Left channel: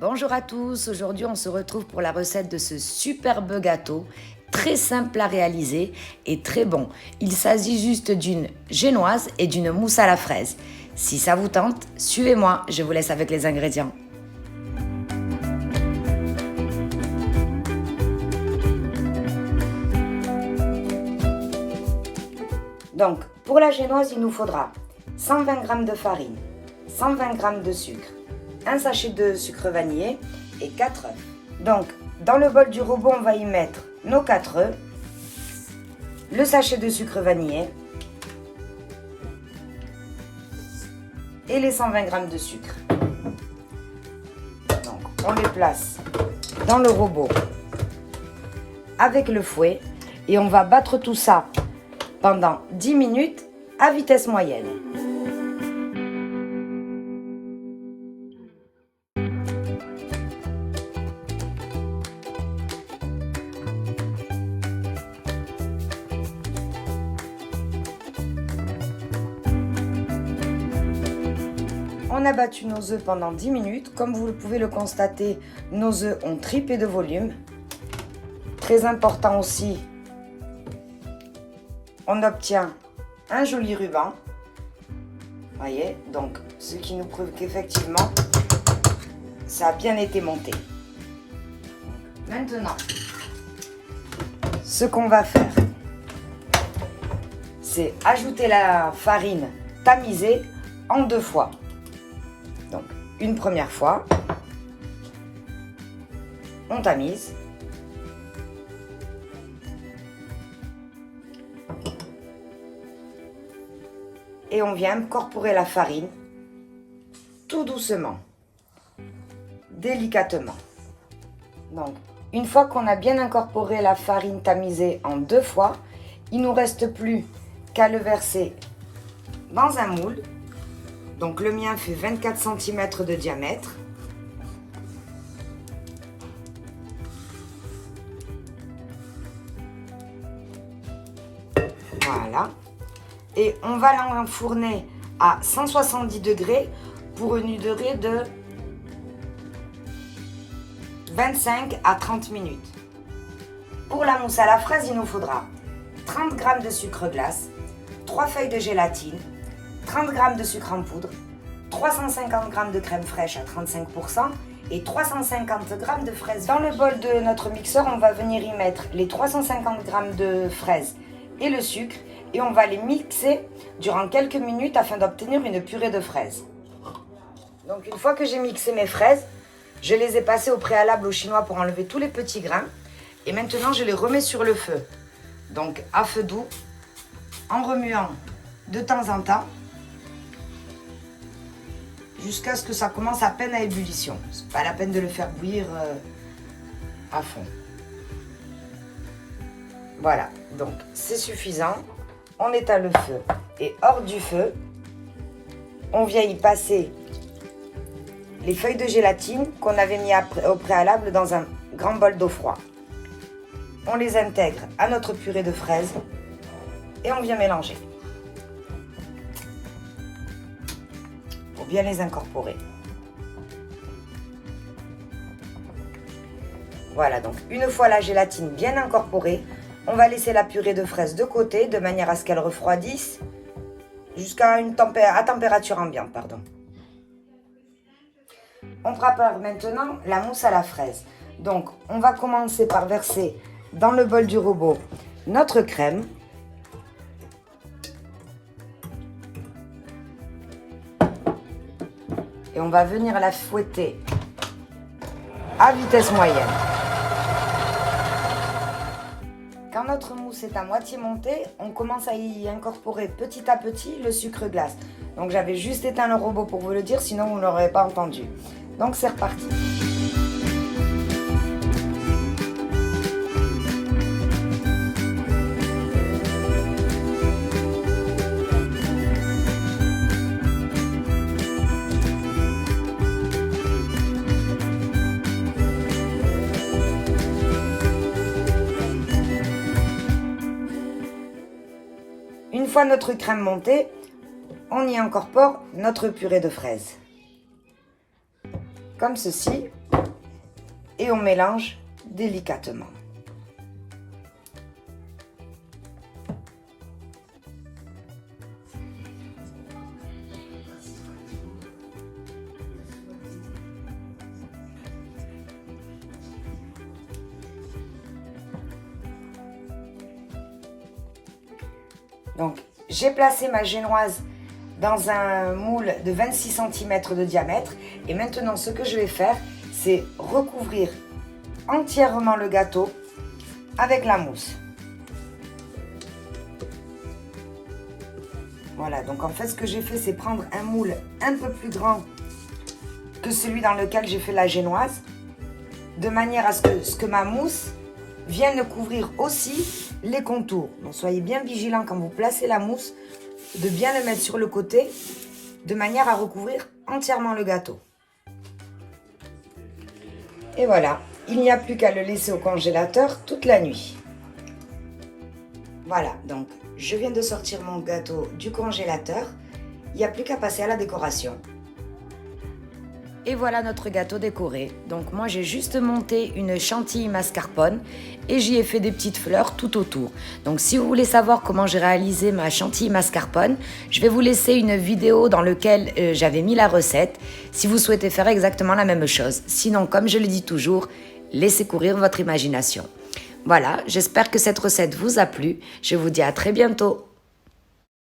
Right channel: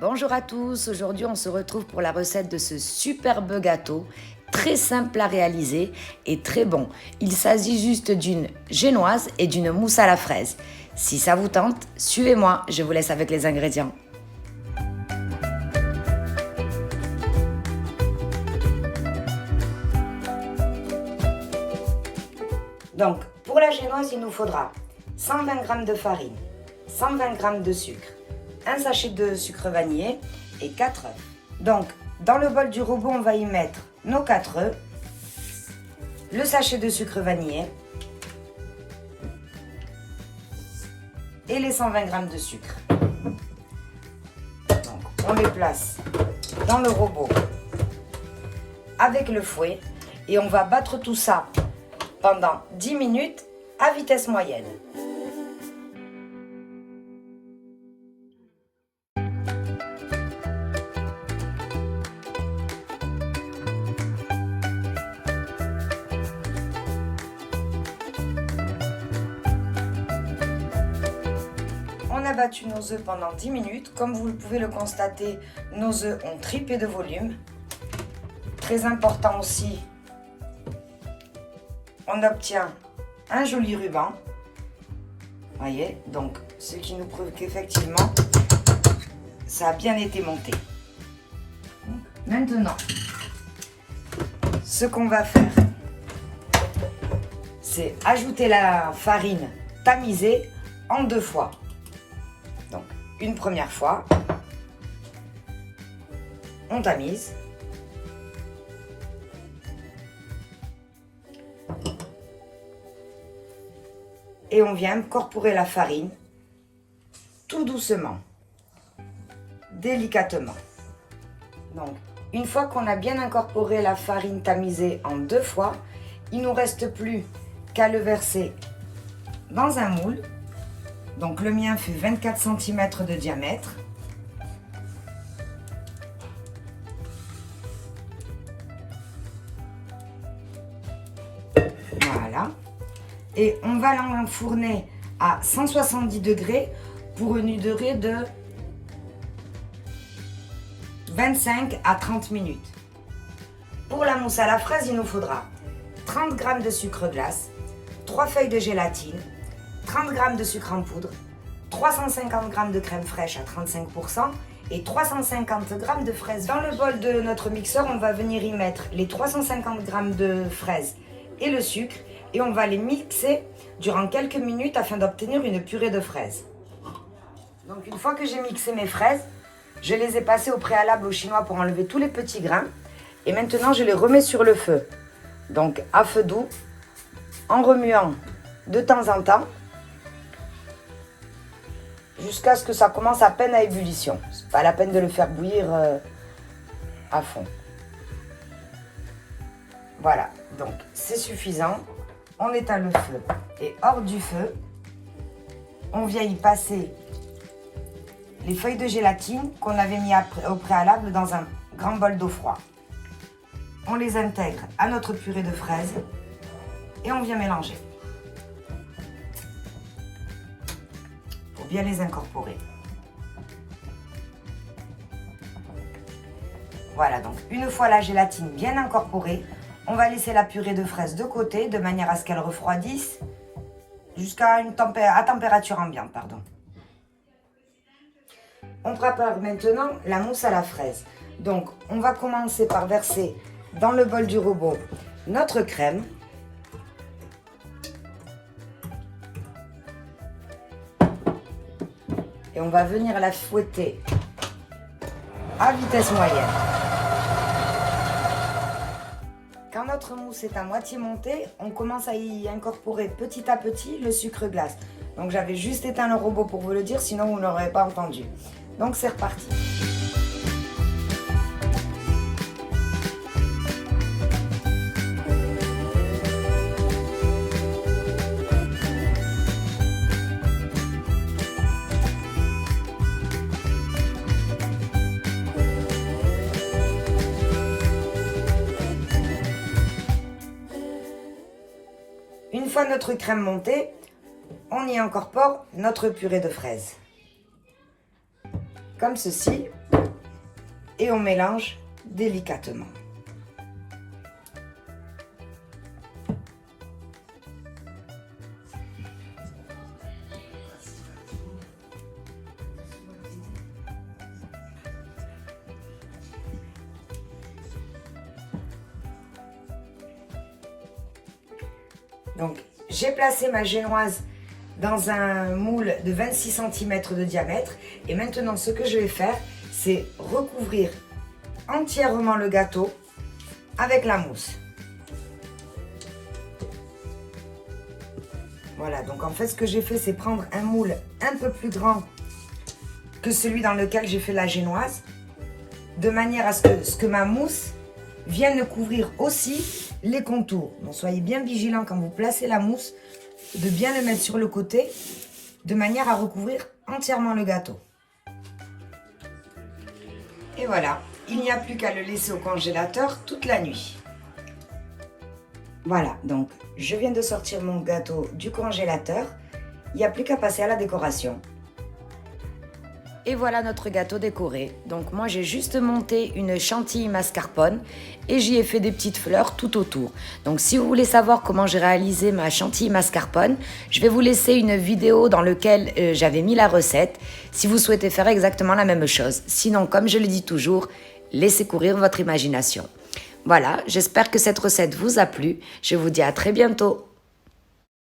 Bonjour à tous, aujourd'hui on se retrouve pour la recette de ce superbe gâteau, très simple à réaliser et très bon. Il s'agit juste d'une génoise et d'une mousse à la fraise. Si ça vous tente, suivez-moi, je vous laisse avec les ingrédients. Donc, pour la génoise, il nous faudra 120 g de farine, 120 g de sucre, un sachet de sucre vanillé et 4 œufs. Donc, dans le bol du robot, on va y mettre nos 4 œufs, le sachet de sucre vanillé et les 120 g de sucre. Donc, on les place dans le robot avec le fouet et on va battre tout ça pendant 10 minutes à vitesse moyenne. On a battu nos œufs pendant 10 minutes. Comme vous pouvez le constater, nos œufs ont triplé de volume. Très important aussi, on obtient un joli ruban. Voyez, donc ce qui nous prouve qu'effectivement, ça a bien été monté. Maintenant, ce qu'on va faire, c'est ajouter la farine tamisée en 2 fois. Donc, une première fois, on tamise. Et on vient incorporer la farine tout doucement, délicatement. Donc, une fois qu'on a bien incorporé la farine tamisée en 2 fois, il ne nous reste plus qu'à le verser dans un moule. Donc, le mien fait 24 cm de diamètre. Voilà. Et on va l'enfourner à 170 degrés pour une durée de 25 à 30 minutes. Pour la mousse à la fraise, il nous faudra 30 g de sucre glace, 3 feuilles de gélatine, 30 g de sucre en poudre, 350 g de crème fraîche à 35% et 350 g de fraises. Dans le bol de notre mixeur, on va venir y mettre les 350 g de fraises et le sucre et on va les mixer durant quelques minutes afin d'obtenir une purée de fraises. Donc une fois que j'ai mixé mes fraises, je les ai passées au préalable au chinois pour enlever tous les petits grains et maintenant je les remets sur le feu. Donc à feu doux, en remuant de temps en temps jusqu'à ce que ça commence à peine à ébullition. C'est pas la peine de le faire bouillir à fond. Voilà, donc c'est suffisant. On éteint le feu et hors du feu, on vient y passer les feuilles de gélatine qu'on avait mis au préalable dans un grand bol d'eau froide. On les intègre à notre purée de fraises et on vient mélanger pour bien les incorporer. Voilà, donc une fois la gélatine bien incorporée, on va laisser la purée de fraises de côté de manière à ce qu'elle refroidisse jusqu'à température ambiante. On prépare maintenant la mousse à la fraise. Donc, on va commencer par verser dans le bol du robot notre crème. Et on va venir la fouetter à vitesse moyenne. Quand notre mousse est à moitié montée, on commence à y incorporer petit à petit le sucre glace. Donc j'avais juste éteint le robot pour vous le dire, sinon vous ne l'aurez pas entendu. Donc c'est reparti. Une fois notre crème montée, on y incorpore notre purée de fraises. comme ceci et on mélange délicatement. Donc, j'ai placé ma génoise dans un moule de 26 cm de diamètre. Et maintenant, ce que je vais faire, c'est recouvrir entièrement le gâteau avec la mousse. Voilà, donc en fait, ce que j'ai fait, c'est prendre un moule un peu plus grand que celui dans lequel j'ai fait la génoise, de manière à ce que ma mousse vienne couvrir aussi les contours. Donc soyez bien vigilants quand vous placez la mousse, de bien le mettre sur le côté, de manière à recouvrir entièrement le gâteau. Et voilà, il n'y a plus qu'à le laisser au congélateur toute la nuit. Voilà, donc je viens de sortir mon gâteau du congélateur. Il n'y a plus qu'à passer à la décoration. Et voilà notre gâteau décoré. Donc moi j'ai juste monté une chantilly mascarpone et j'y ai fait des petites fleurs tout autour. Donc si vous voulez savoir comment j'ai réalisé ma chantilly mascarpone, je vais vous laisser une vidéo dans laquelle j'avais mis la recette si vous souhaitez faire exactement la même chose. Sinon, comme je le dis toujours, laissez courir votre imagination. Voilà, j'espère que cette recette vous a plu. Je vous dis à très bientôt.